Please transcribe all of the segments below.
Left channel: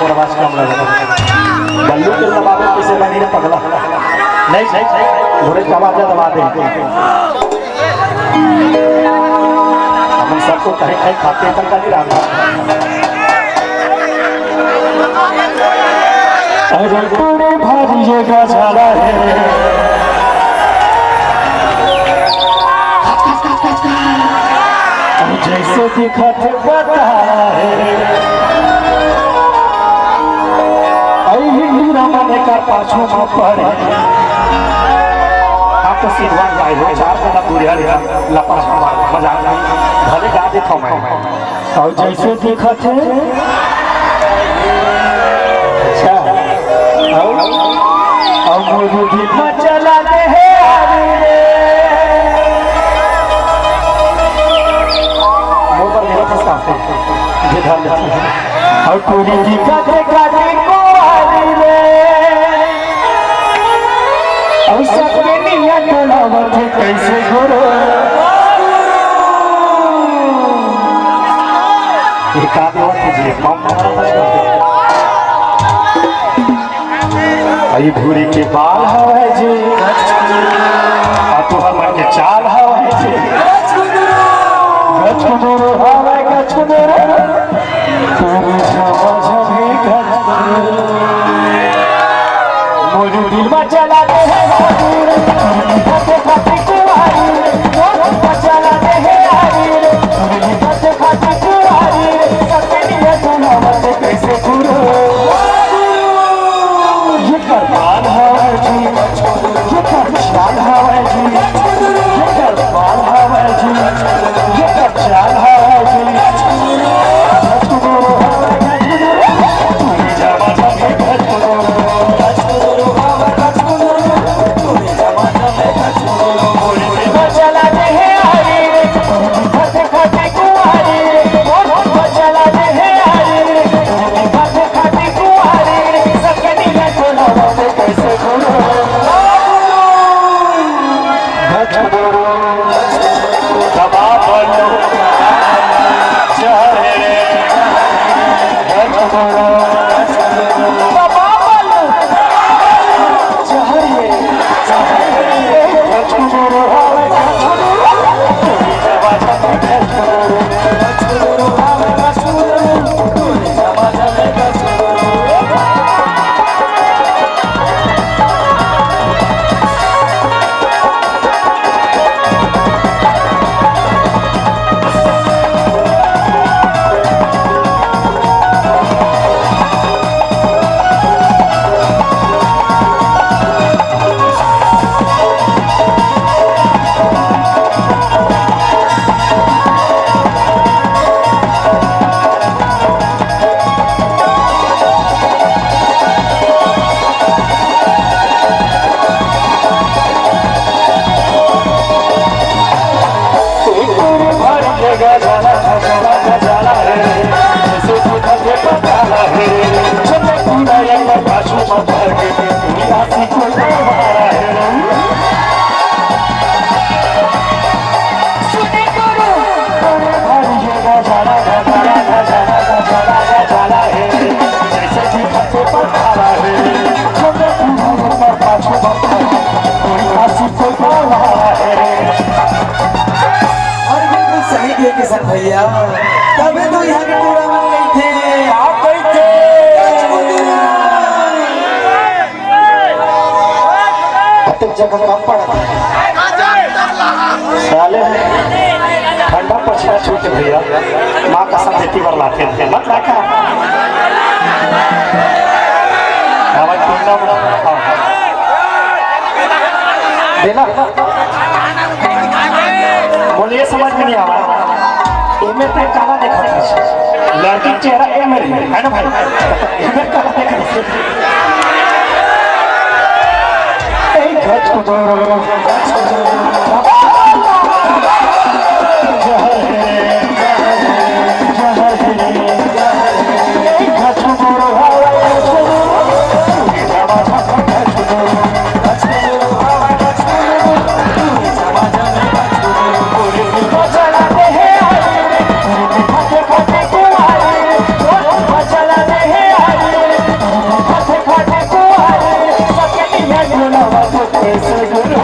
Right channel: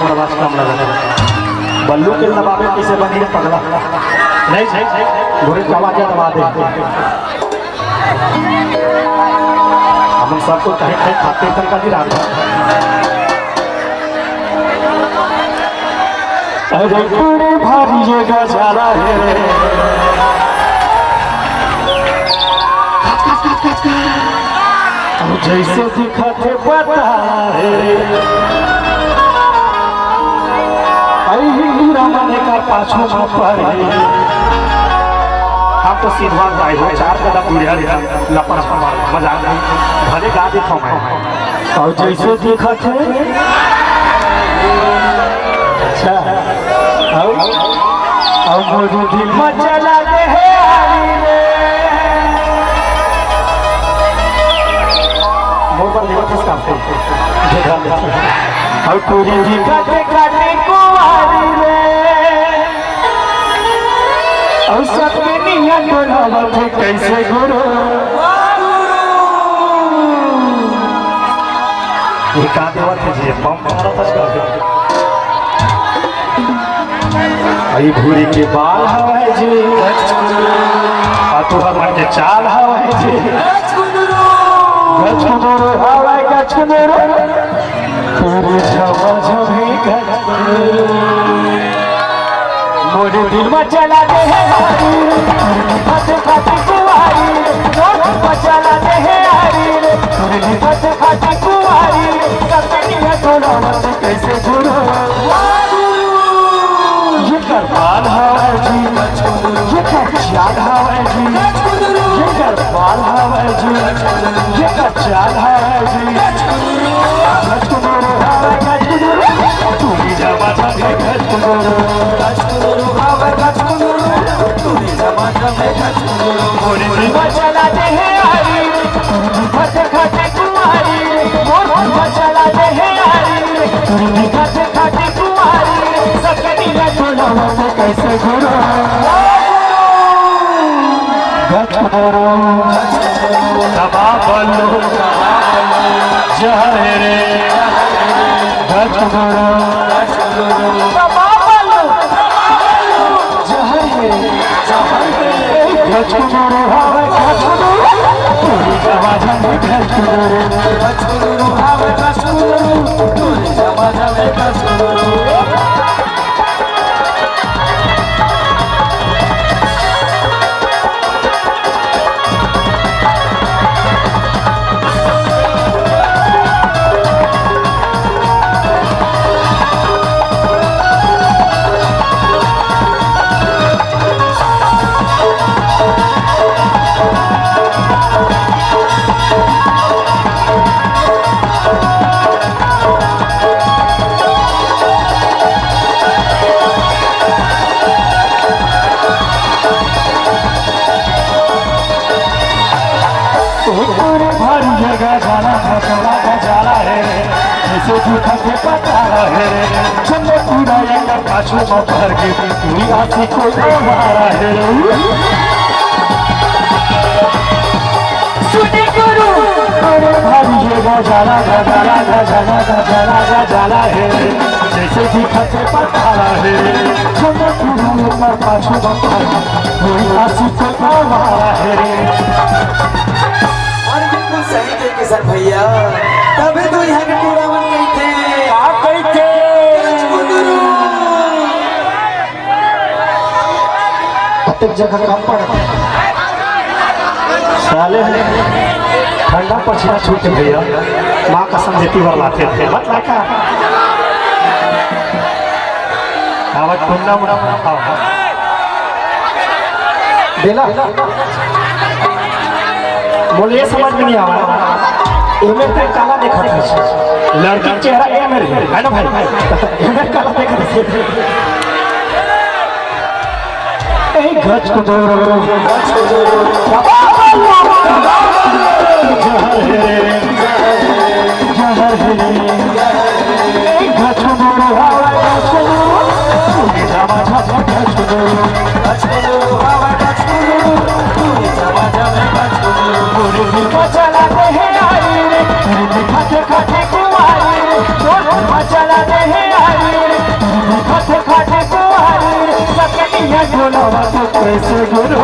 मोर आवाज कम लगा बल्लू के दबावे किसे बनी रे पगला नहीं घोड़े की आवाज दबा दे हम सबको कहीं कहीं खाते तक का नहीं रहा अरे पूरे भारी जगह चला है जैसे दिखते पता है हिंदू का पाछो पर हम तो सीधा भाई हो चार कदम बुढ़िया लपड़ मजाक नहीं भले गा देखो मैं और जैसे दिखते अच्छा और मोरू दिल में चला दे है मोटर मेरे पास काफी और पूरी जी काटे काटे को आरी रे और सबके नियत बनावत कैसे गुरु एक आदिवासी जी पंप आई भूरी के बाल हवाए जी और तू हमारे के चाल हवाए जी गछुदरो हवाए गछुदरो पूरे जमा जमी गछुदरो मोरे दिल में चला दे है खाते खाते कुआरी मोरे चला दे है खाते खाते कुआरी सबके लिए दोनों कैसे गुरु ये करबान हवाए जी ये करचाल हवाए जी ये करबान हवाए जी ये करचाल हवाए जी गछुदरो हवाए गछुदरो पूरे जमा जमी गछुदरो चला दे है खाते खाते कुआरी चला दे है खाते खाते कुआरी सबके नीला चुनाव में कैसे गुरु गछुदरो दबा बल्लू जहरे गछुदरो दबा बल्लू जहरे गछुदरो जगह जाना जाला है जैसे दिखते पता है चले पूरा एक पाछो में भर के दुनिया से कोई मारा है सुने गुरु भारी जगह जाना जाला है जैसे दिखते पता है चले पूरा एक पाछो में दुनिया से कोई मारा है किशन भैया तभी तो यहाँ के पूरा बन गई थे आप गई थे कतक जगह कम पड़ा साले ठंडा पछिया छूट भैया माँ कसम देती बर लाते थे मत लाका आवाज कुंडा मुड़ा बेला बोलिए समझ में नहीं आ रहा इमे पे काला देखत है लड़की चेहरा ए मेरे है ना भाई इमे काला देखत है ए गछुदरो चला दे है कैसे गुरु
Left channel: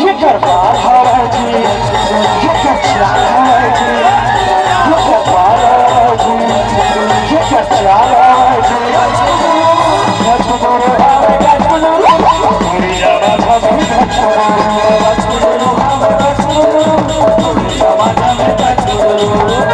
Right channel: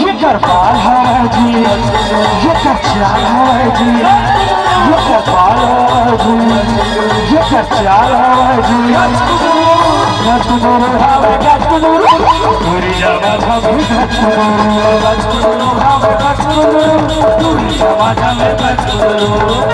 ये करबार है जी, ये कचार है जी, ये करबार है जी, ये कचार है जी। गजगुरु है गजगुरु, पूरी जगह में गजगुरु, गजगुरु है गजगुरु, पूरी जगह में गजगुरु।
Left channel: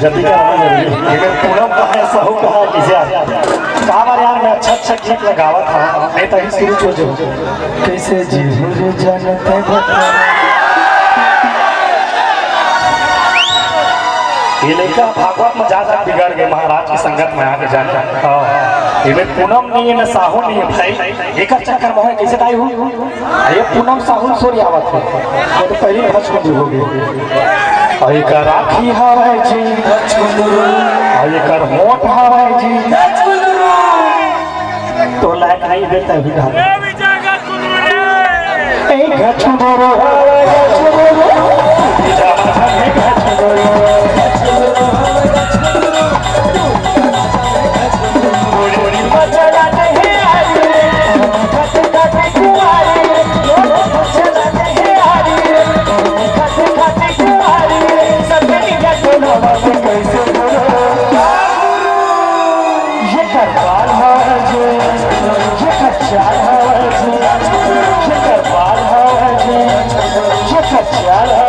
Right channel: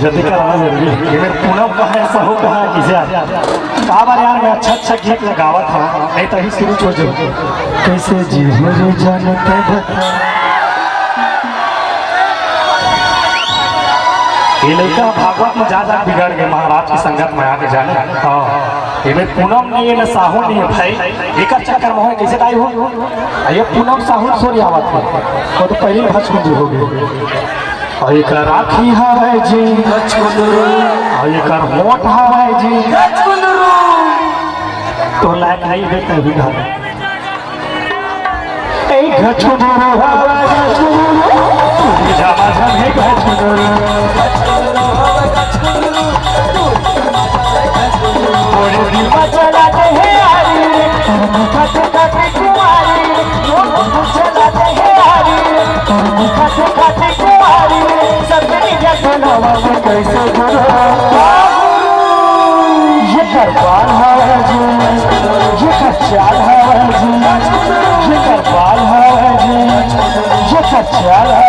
जल्दी का पूरा ऐसा हो कहा कहा बार यार मैं अच्छा गीत लगावत था नहीं तो ही शुरू छोड़ दो कैसे जीवन जानते ये लड़का भागवत में ज्यादा बिगड़ गए महाराज की संगत में आके जाने ये पूनम नहीं है न साहू नहीं है भाई एक चक्कर में कैसे आई हो ये पूनम साहू सोरी आवत है तो पहले भस्म हो गए और एक राखी हवाई जी और एक मोट हवाई जी तो लायक नहीं देता है बिघा एक गजगुरु Yeah.